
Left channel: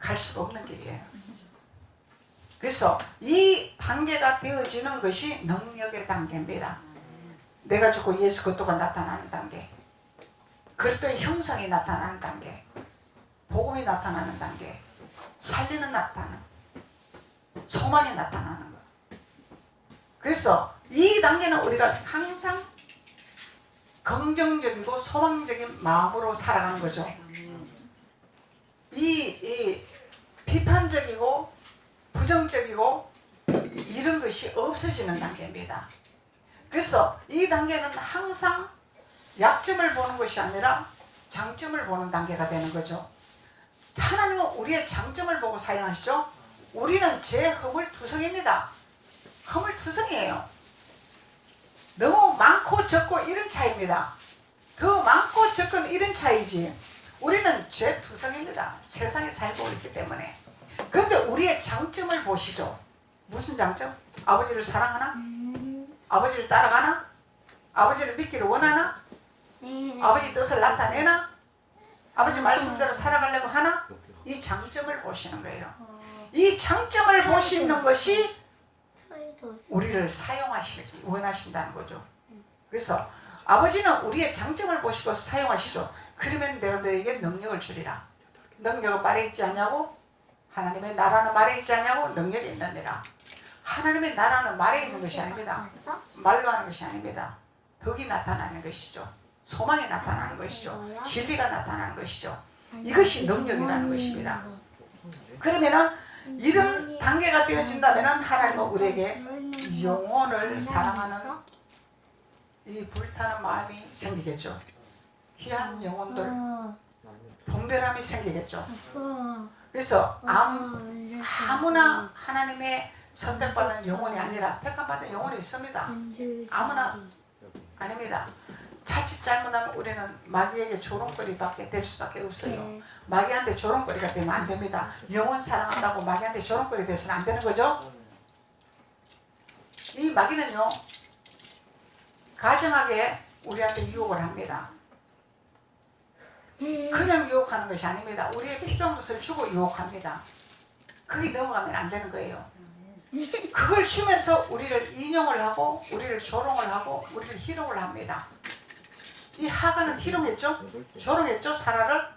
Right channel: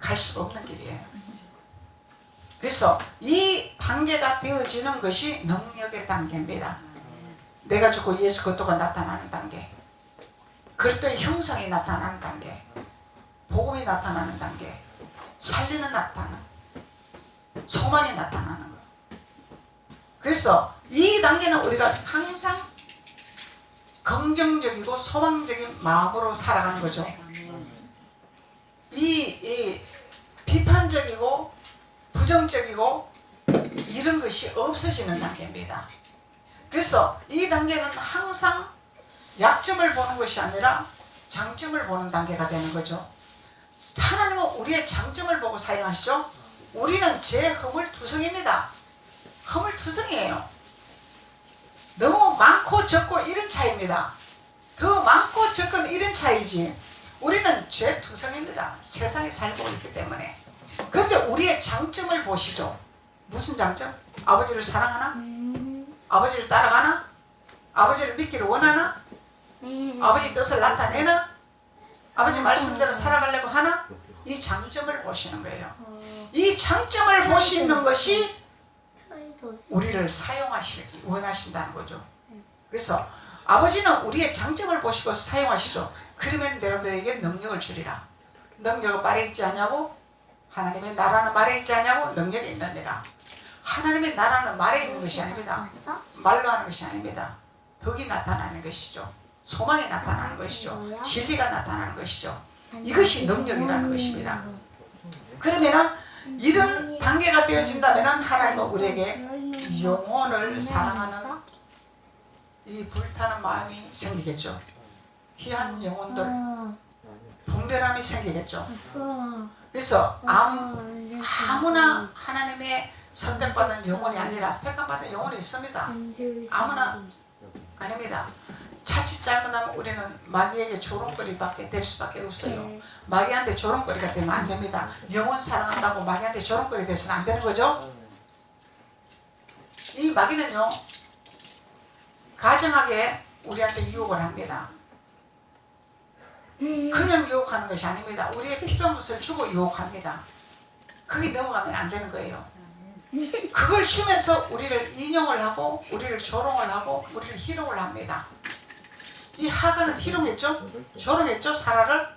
갈 수가 없는 길이에요. 그래서 이 단계가 되어지는 것이 능력의 단계입니다. 내가 죽고 예수 그리스도가 나타나는 단계, 그리스도의 형상이 나타나는 단계, 복음이 나타나는 단계, 살리는 나타나는, 소망이 나타나는 것. 그래서 이 단계는 우리가 항상 긍정적이고 소망적인 마음으로 살아가는 거죠. 이 비판적이고 부정적이고 이런 것이 없어지는 단계입니다. 그래서 이 단계는 항상 약점을 보는 것이 아니라 장점을 보는 단계가 되는 거죠. 하나님은 우리의 장점을 보고 사용하시죠. 우리는 제 허물투성입니다. 허물투성이에요. 너무 많고 적고 이런 차이입니다. 더 많고 적은 이런 차이지. 우리는 죄투성입니다. 세상에 살고 있기 때문에. 그런데 우리의 장점을 보시죠. 무슨 장점? 아버지를 사랑하나? 아버지를 따라가나? 아버지를 믿기를 원하나? 아버지 뜻을 나타내나? 아버지 말씀대로 살아가려고 하나? 이 장점을 보시는 거예요. 이 장점을 보시는 것이 우리를 사용하시기 원하신다는 거죠. 그래서 아버지는 우리의 장점을 보시고 사용하시죠. 그러면 내가 너에게 능력을 주리라. 능력은 말에 있지 않냐고? 하나님의 나라는 말에 있지 않냐고? 능력이 있느니라. 하나님의 나라는 말에 있는 것이 아닙니다. 말로 하는 것이 아닙니다. 덕이 나타나는 것이죠. 소망이 나타나는 것이죠. 진리가 나타나는 것이죠. 이것이 능력이라는 것입니다. 그러면은 이런 단계가 되어진다면은 하나님은 우리에게 영혼을 사랑하는 이 불타는 마음이 생기겠죠. 귀한 영혼들, 분별함이 생기겠죠. 그래서 아무나 하나님의 선택받은 영혼이 아니라 택함받은 영혼이 있습니다. 아무나 아닙니다. 자칫 잘못하면 우리는 마귀에게 조롱거리밖에 될 수밖에 없어요. 마귀한테 조롱거리가 되면 안 됩니다. 영혼 사랑한다고 마귀한테 조롱거리 돼서는 안 되는 거죠. 이 마귀는요, 가정하게 우리한테 유혹을 합니다. 그냥 유혹하는 것이 아닙니다. 우리의 필요한 것을 주고 유혹합니다. 그게 넘어가면 안 되는 거예요. 그걸 주면서 우리를 인용을 하고 우리를 조롱을 하고 우리를 희롱을 합니다. 이 하가는 희롱했죠? 조롱했죠? 사라를?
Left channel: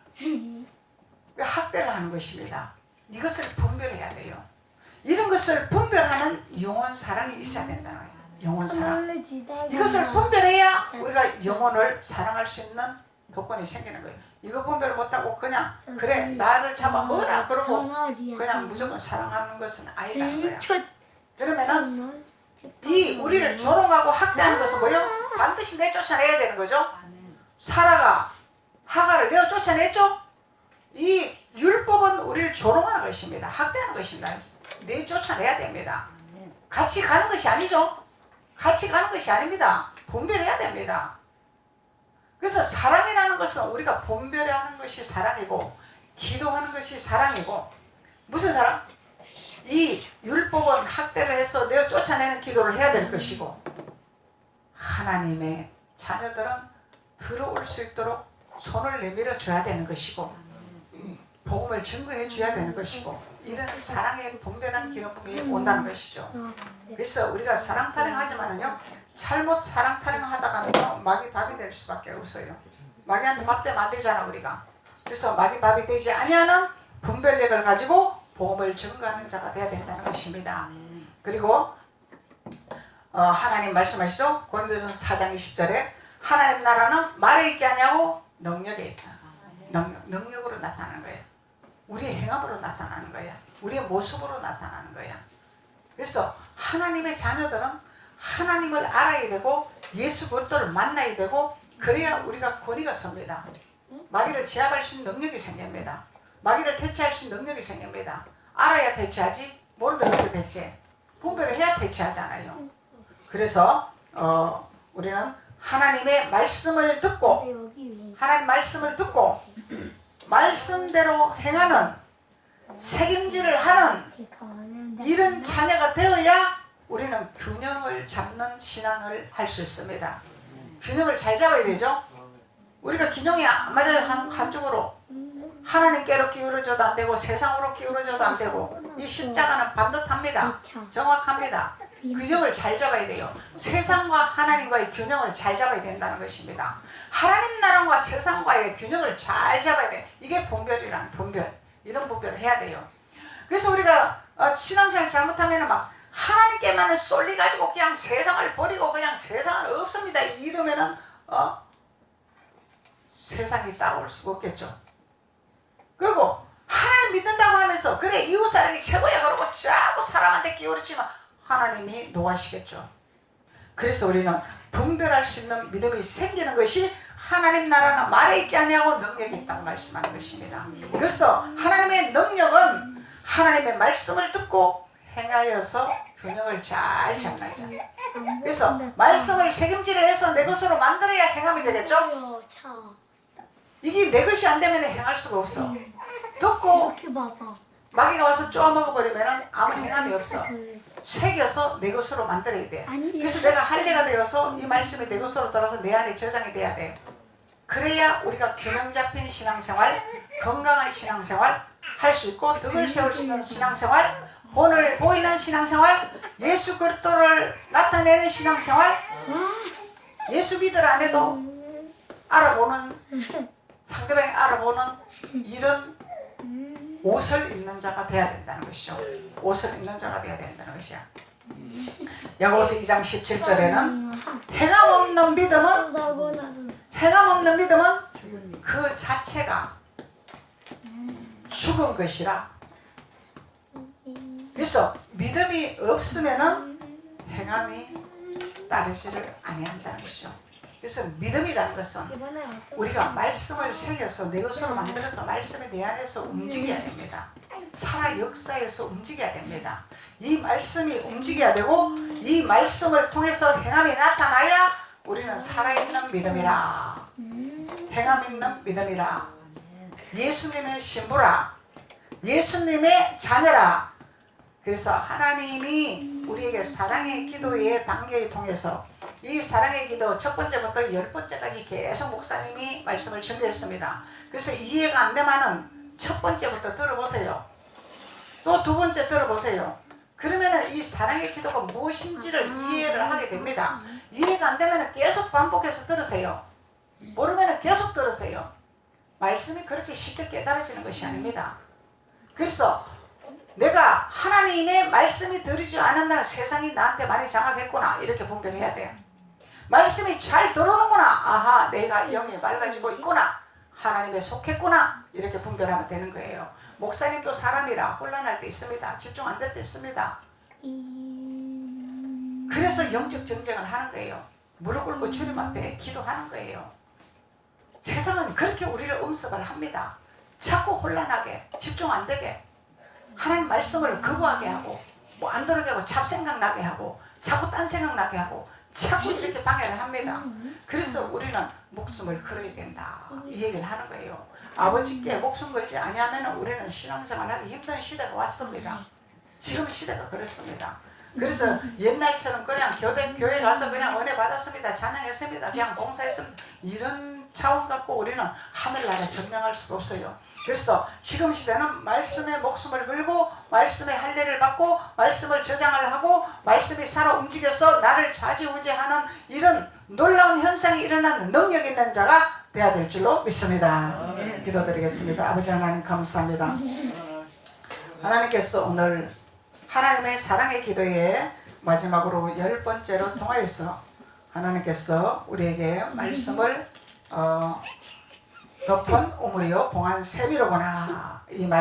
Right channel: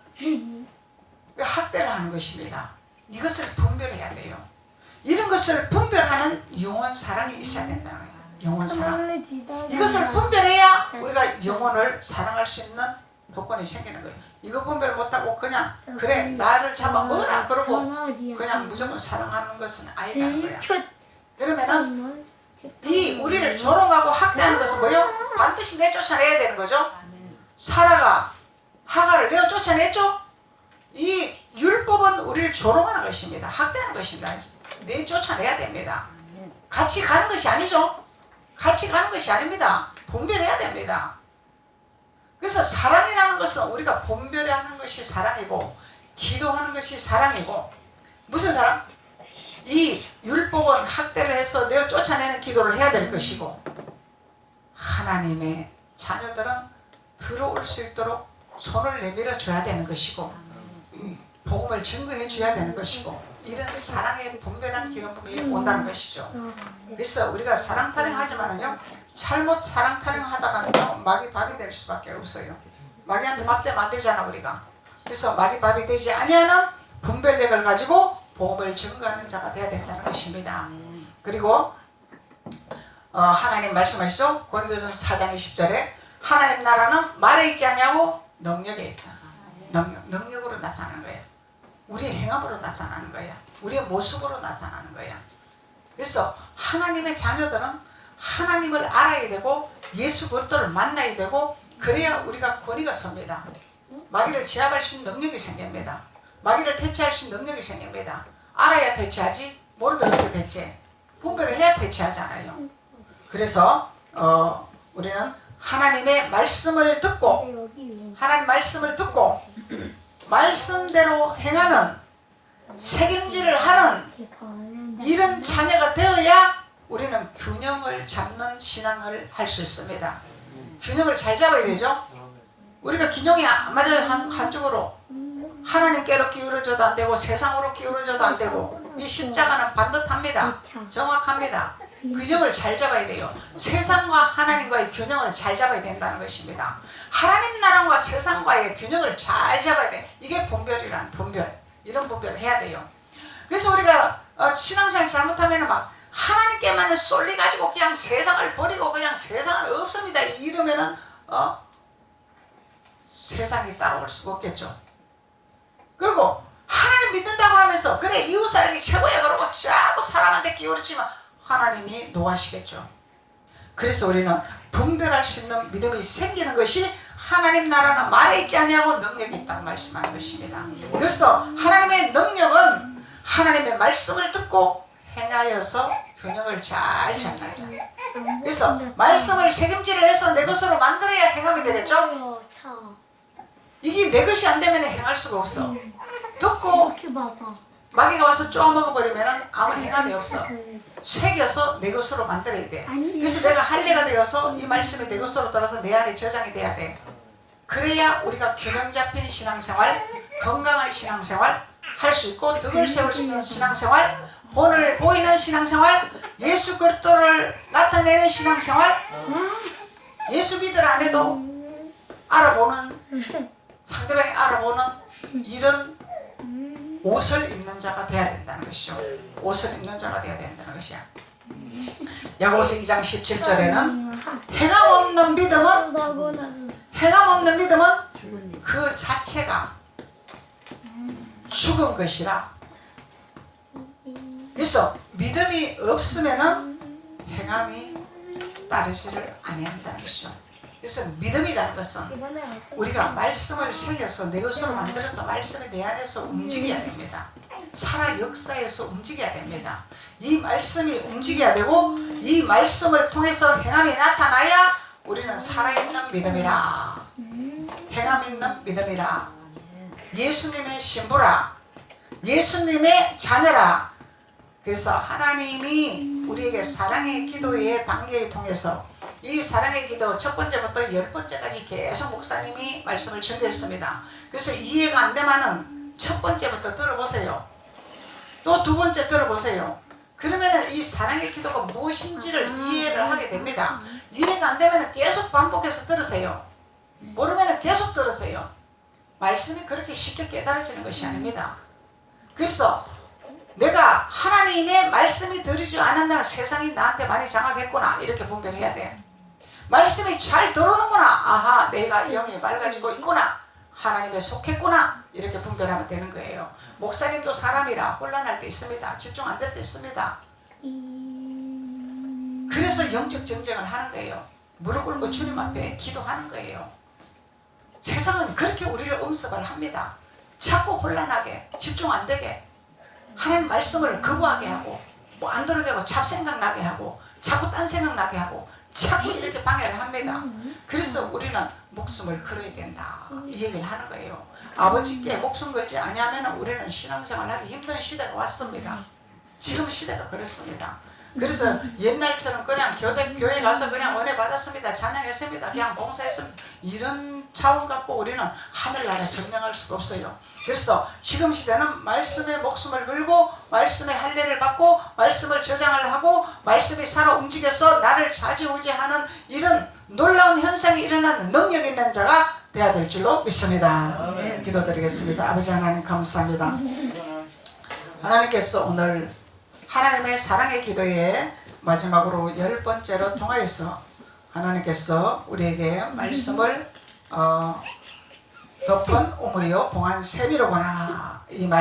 학대를 하는 것입니다. 이것을 분별해야 돼요. 이런 것을 분별하는 영혼 사랑이 있어야 된다는 거예요. 영혼 사랑. 이것을 분별해야 우리가 영혼을 사랑할 수 있는 조건이 생기는 거예요. 이거 분별 못하고 그냥 그래 나를 잡아 먹어라 그러고 그냥 무조건 사랑하는 것은 아니라는 거야. 그러면은 이 우리를 조롱하고 학대하는 것은 뭐예요? 반드시 내쫓아내야 되는 거죠. 사라가 하가를 내어 쫓아냈죠. 이 율법은 우리를 조롱하는 것입니다. 학대하는 것입니다. 내쫓아내야 됩니다. 같이 가는 것이 아니죠. 같이 가는 것이 아닙니다. 분별해야 됩니다. 그래서 사랑이라는 것은 우리가 분별하는 것이 사랑이고 기도하는 것이 사랑이고 무슨 사랑? 이 율법은 학대를 해서 내어 쫓아내는 기도를 해야 될 것이고 하나님의 자녀들은 들어올 수 있도록 손을 내밀어 줘야 되는 것이고 복음을 증거해 줘야 되는 것이고 이런 사랑의 분별한 기름품이 온다는 것이죠. 그래서 우리가 사랑 타령하지만은요 잘못 사랑 타령하다가는요 마귀 밥이 될 수밖에 없어요. 마귀한테 밥 되면 안 되잖아 우리가. 그래서 마귀 밥이 되지 아니하는 분별력을 가지고 복음을 증거하는 자가 되어야 된다는 것입니다. 그리고 하나님 말씀하시죠. 고린도전서 4장 20절에 하나님 나라는 말에 있지 않냐고 능력에 있다. 능력으로 나타나는 거예요. 우리의 행함으로 나타나는 거야. 우리의 모습으로 나타나는 거야. 그래서 하나님의 자녀들은 하나님을 알아야 되고 예수 그리스도를 만나야 되고 그래야 우리가 권위가 섭니다. 마귀를 제압할 수 있는 능력이 생깁니다. 마귀를 대체할 수 있는 능력이 생깁니다. 알아야 대체하지 모르면 어떻게 대체? 분별을 해야 대체하잖아요. 그래서 우리는 하나님의 말씀을 듣고 하나님 말씀을 듣고 말씀대로 행하는 책임질을 하는 이런 자녀가 되어야 우리는 균형을 잡는 신앙을 할 수 있습니다. 균형을 잘 잡아야 되죠. 우리가 균형이 안 맞아요. 한쪽으로 하나님께로 기울어져도 안 되고 세상으로 기울어져도 안 되고 이 십자가는 반듯합니다. 정확합니다. 균형을 잘 잡아야 돼요. 세상과 하나님과의 균형을 잘 잡아야 된다는 것입니다. 하나님 나라와 세상과의 균형을 잘 잡아야 돼. 이게 분별이란 분별. 이런 분별을 해야 돼요. 그래서 우리가 신앙생활 잘못하면 막 하나님께만 쏠려가지고 그냥 세상을 버리고 그냥 세상은 없습니다. 이러면은 세상이 따라올 수가 없겠죠. 그리고 하나님 믿는다고 하면서 그래 이웃사랑이 최고야 그러고 자꾸 사람한테 기울이지만 하나님이 노하시겠죠. 그래서 우리는 분별할 수 있는 믿음이 생기는 것이 하나님 나라는 말에 있지 않냐고 능력이 있다고 말씀하는 것입니다. 그래서 하나님의 능력은 하나님의 말씀을 듣고 행하여서 균형을 잘 잡는 자. 그래서 말씀을 책임질을 해서 내 것으로 만들어야 행함이 되겠죠. 이게 내 것이 안 되면 행할 수가 없어. 듣고 이렇게 봐봐. 마귀가 와서 쪼아먹어버리면 아무 행함이 없어. 새겨서 내 것으로 만들어야 돼. 그래서 내가 할례가 되어서 이 말씀이 내 것으로 돌아서 내 안에 저장이 돼야 돼. 그래야 우리가 균형 잡힌 신앙생활, 건강한 신앙생활 할 수 있고, 덕을 세울 수 있는 신앙생활, 본을 보이는 신앙생활, 예수 그리스도를 나타내는 신앙생활, 예수 믿으라 안 해도 알아보는, 상대방이 알아보는 이런 옷을 입는 자가 돼야 된다는 것이죠. 옷을 입는 자가 돼야 된다는 것이야. 야고보서 2장 17절에는 행함 없는 믿음은 그 자체가 죽은 것이라. 그래서 믿음이 없으면은 행함이 따르지를 아니한다는 것이죠. 그래서 믿음이라는 것은 우리가 말씀을 새겨서 내 것으로 만들어서 말씀이 내 안에서 움직여야 됩니다. 살아 역사에서 움직여야 됩니다. 이 말씀이 움직여야 되고, 이 말씀을 통해서 행함이 나타나야 우리는 살아있는 믿음이라, 행함 있는 믿음이라, 예수님의 신부라, 예수님의 자녀라. 그래서 하나님이 우리에게 사랑의 기도의 단계를 통해서, 이 사랑의 기도 첫 번째부터 10번째까지 계속 목사님이 말씀을 전개했습니다. 그래서 이해가 안 되면은 첫 번째부터 들어보세요. 또 두 번째 들어보세요. 그러면은 이 사랑의 기도가 무엇인지를 이해를 하게 됩니다. 이해가 안 되면은 계속 반복해서 들으세요. 모르면은 계속 들으세요. 말씀이 그렇게 쉽게 깨달아지는 것이 아닙니다. 그래서 내가 하나님의 말씀이 들리지 않았나, 세상이 나한테 많이 장악했구나, 이렇게 분별해야 돼. 말씀이 잘 들어오는구나, 아하, 내가 영이 맑아지고 있구나, 하나님에 속했구나, 이렇게 분별하면 되는 거예요. 목사님도 사람이라 혼란할 때 있습니다. 집중 안 될 때 있습니다. 그래서 영적 정쟁을 하는 거예요. 무릎 꿇고 주님 앞에 기도하는 거예요. 세상은 그렇게 우리를 음습을 합니다. 자꾸 혼란하게, 집중 안 되게, 하나님 말씀을 거부하게 하고, 뭐 안 들어게 하고, 잡생각 나게 하고, 자꾸 딴 생각 나게 하고, 자꾸 이렇게 방해를 합니다. 그래서 우리는 목숨을 걸어야 된다, 이 얘기를 하는 거예요. 아버지께 목숨 걸지 아니하면 우리는 신앙생활 하기 힘든 시대가 왔습니다. 지금 시대가 그렇습니다. 그래서 옛날처럼 그냥 교회 가서 그냥 은혜 받았습니다, 찬양했습니다, 그냥 봉사했습니다, 이런 차원 갖고 우리는 하늘나라 점령할 수가 없어요. 그래서 지금 시대는 말씀에 목숨을 걸고, 말씀의 할례를 받고, 말씀을 저장을 하고, 말씀이 살아 움직여서 나를 좌지우지하는 이런 놀라운 현상이 일어나는 능력 있는 자가 되어야 될 줄로 믿습니다. 기도드리겠습니다. 아버지 하나님 감사합니다. 하나님께서 오늘 하나님의 사랑의 기도에 마지막으로 10번째로 통하여서 하나님께서 우리에게 말씀을 덮은 우물이요 봉한 세미로구나, 이 말